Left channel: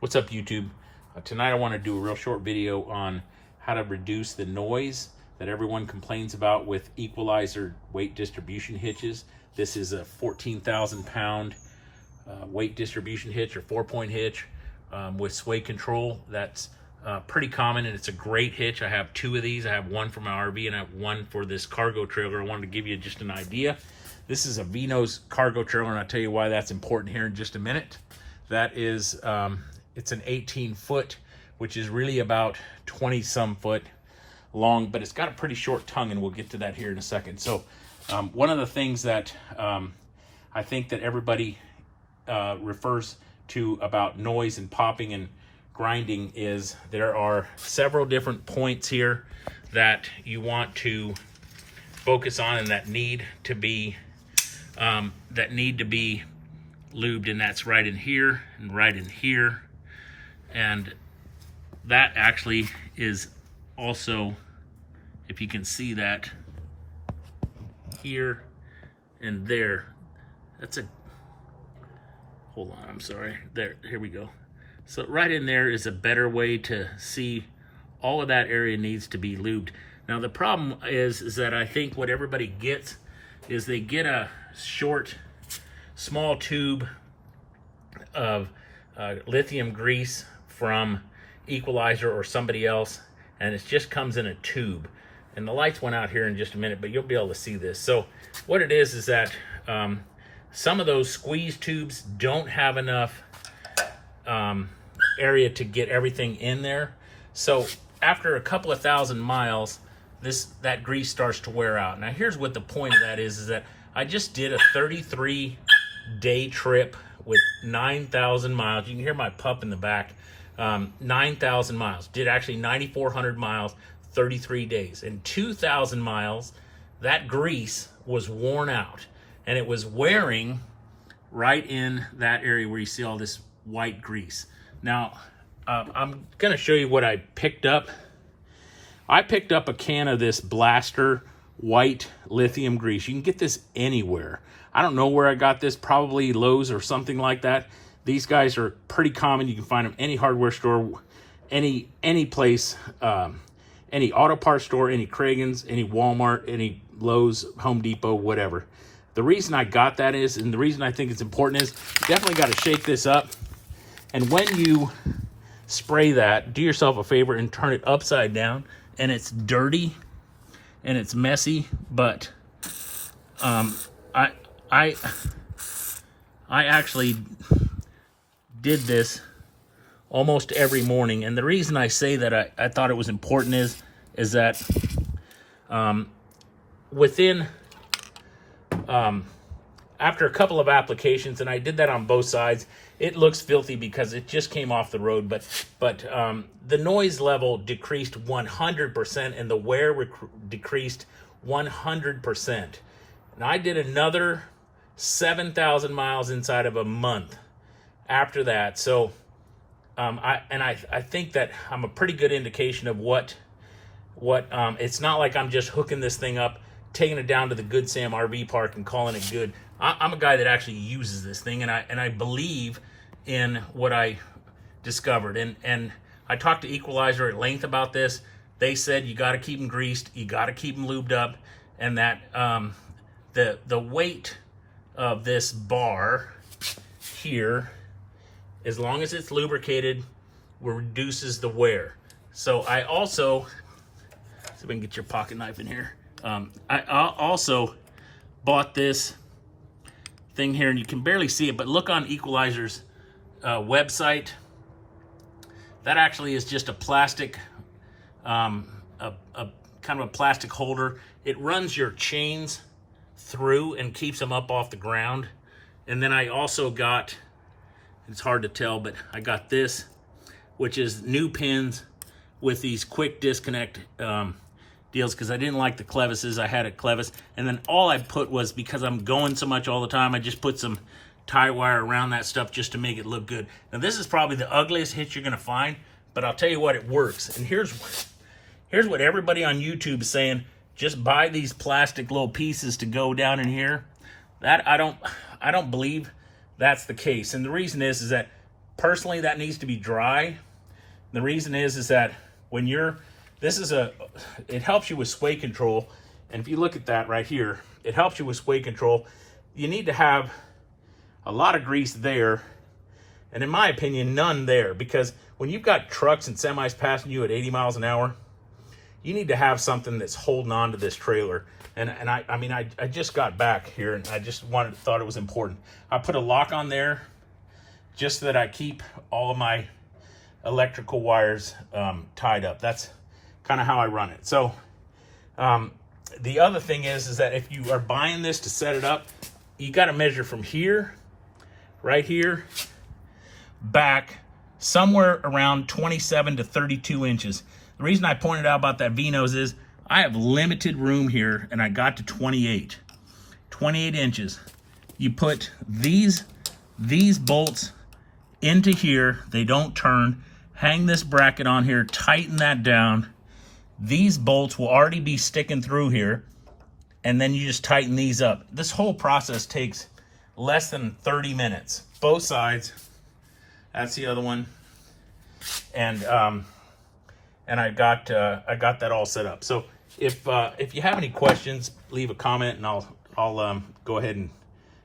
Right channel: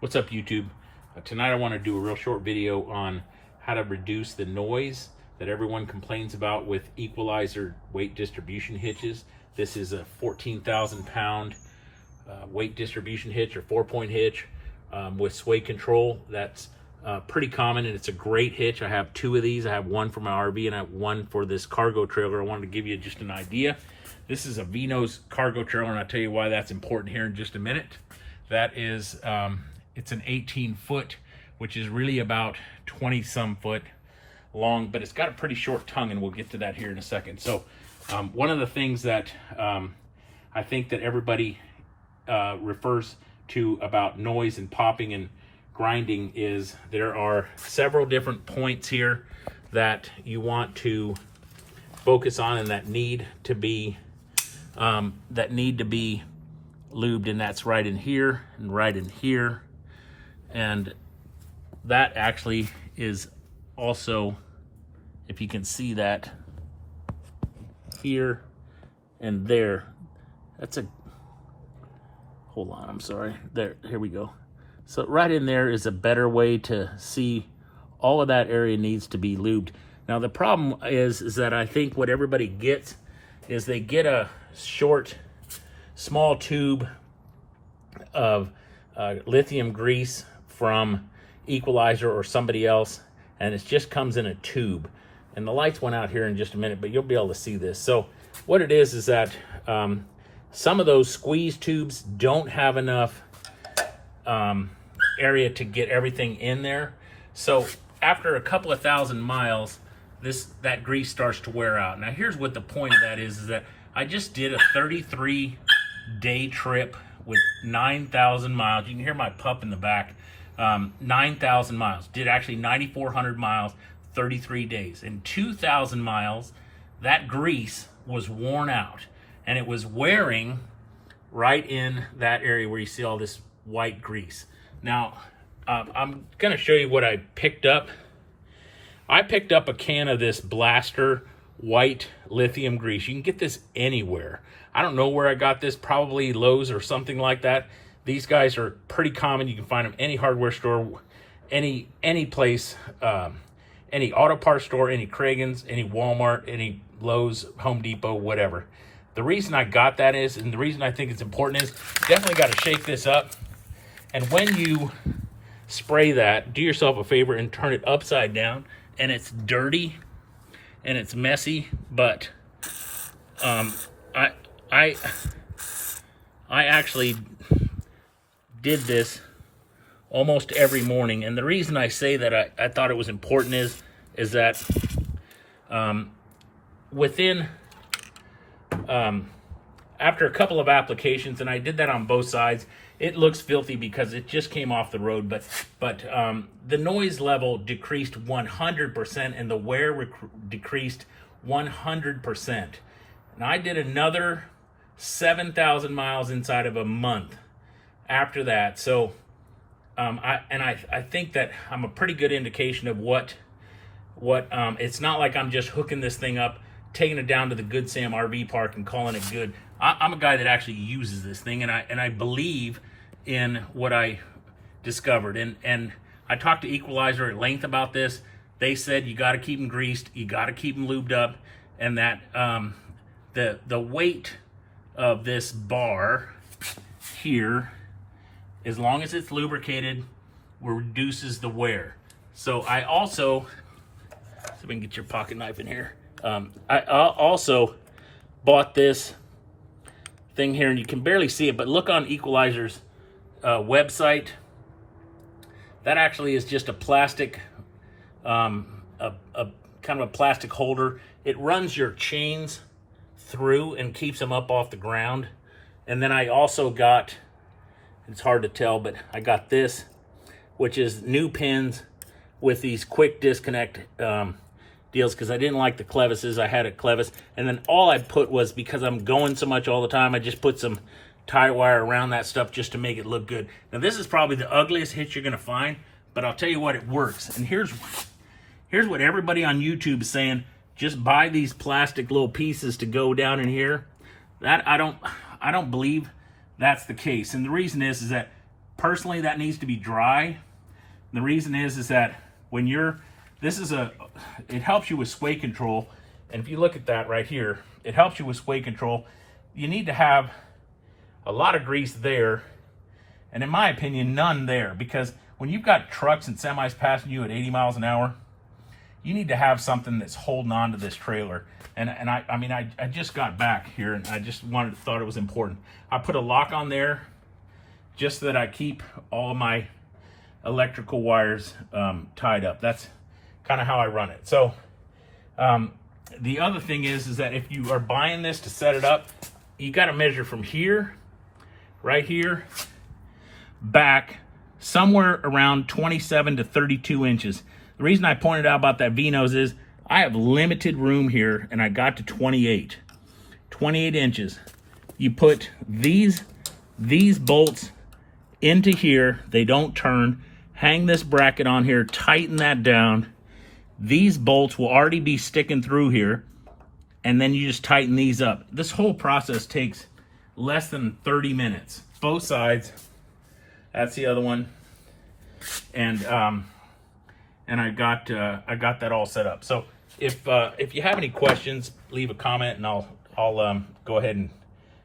What's up, YouTube? Tonight I want to do a real short video on how to reduce the noise that everyone complains about with Equalizer weight distribution hitches. This is a 14,000 pound weight distribution hitch or 4-point hitch with sway control. That's pretty common, and it's a great hitch. I have two of these. I have one for my RV and I have one for this cargo trailer. I wanted to give you just an idea. This is a V-nose cargo trailer, and I'll tell you why that's important here in just a minute. That is, it's an 18 foot, which is really about 20 some foot long, but it's got a pretty short tongue, and we'll get to that here in a second. So one of the things that I think that everybody refers to about noise and popping and grinding is there are several different points here that you want to focus on and that need to be lubed, and that's right in here and right in here. And that actually is also, if you can see that, here and there. That's a, hold on, I'm sorry. There, here we go. So right in there is a better way to see all of that area needs to be lubed. Now the problem is that I think what everybody gets is they get a short, small tube of lithium grease from Equalizer or somebody else, and it just comes in a tube. And the lights went out here in just a minute, but you'll be able to see this. So what it is that some of those squeeze tubes don't have enough area to get everything in there. So after a couple of thousand miles, that grease starts to wear out. Now here's what the point of that is that I just did a 33-day trip with 9,000 miles. You can hear my pup in the back. 9,000 miles. Did actually 9,400 miles, 33 days. In 2,000 miles, that grease was worn out, and it was wearing right in that area where you see all this white grease. Now, I'm going to show you what I picked up. I picked up a can of this Blaster white lithium grease. You can get this anywhere. I don't know where I got this, probably Lowe's or something like that. These guys are pretty common. You can find them any hardware store, any place, any auto parts store, any Kragen's, any Walmart, any Lowe's, Home Depot, whatever. The reason I got that is, and the reason I think it's important is, definitely got to shake this up. And when you spray that, do yourself a favor and turn it upside down. And it's dirty and it's messy, but I actually did this almost every morning. And the reason I say that I thought it was important is that within after a couple of applications, and I did that on both sides, it looks filthy because it just came off the road, but the noise level decreased 100% and the wear decreased 100%. And I did another 7,000 miles inside of a month after that. So I think that I'm a pretty good indication of what it's not like I'm just hooking this thing up, taking it down to the Good Sam RV park and calling it good. I'm a guy that actually uses this thing, and I believe in what I discovered. And I talked to Equalizer at length about this. They said you got to keep them greased, you got to keep them lubed up, and that the weight of this bar here, as long as it's lubricated, reduces the wear. So I also, see if I can get your pocket knife in here. I also bought this thing here, and you can barely see it, but look on Equalizer's website. That actually is just a plastic, a kind of a plastic holder. It runs your chains through and keeps them up off the ground. And then I also got, it's hard to tell, but I got this, which is new pins with these quick disconnect deals, because I didn't like the clevises. I had a clevis, and then all I put was, because I'm going so much all the time, I just put some tie wire around that stuff just to make it look good. Now this is probably the ugliest hitch you're gonna find, but I'll tell you what, it works. And here's what everybody on YouTube is saying: just buy these plastic little pieces to go down in here. That I don't believe that's the case. And the reason is that Personally, that needs to be dry. The reason is that when you're, it helps you with sway control. And if you look at that right here, it helps you with sway control. You need to have a lot of grease there, and in my opinion, none there, because when you've got trucks and semis passing you at 80 miles an hour, you need to have something that's holding on to this trailer. And I mean, I just got back here, and I just thought it was important. I put a lock on there just so that I keep all of my electrical wires tied up. That's kind of how I run it. So the other thing is that if you are buying this to set it up, you got to measure from here, right here, back somewhere around 27 to 32 inches. The reason I pointed out about that V-nose is I have limited room here, and I got to 28 inches. You put these bolts into here, they don't turn. Hang this bracket on here, tighten that down. These bolts will already be sticking through here, and then you just tighten these up. This whole process takes less than 30 minutes. Both sides. That's the other one. And I got that all set up. So if you have any questions, leave a comment, and I'll go ahead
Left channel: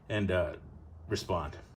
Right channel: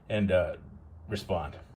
and respond.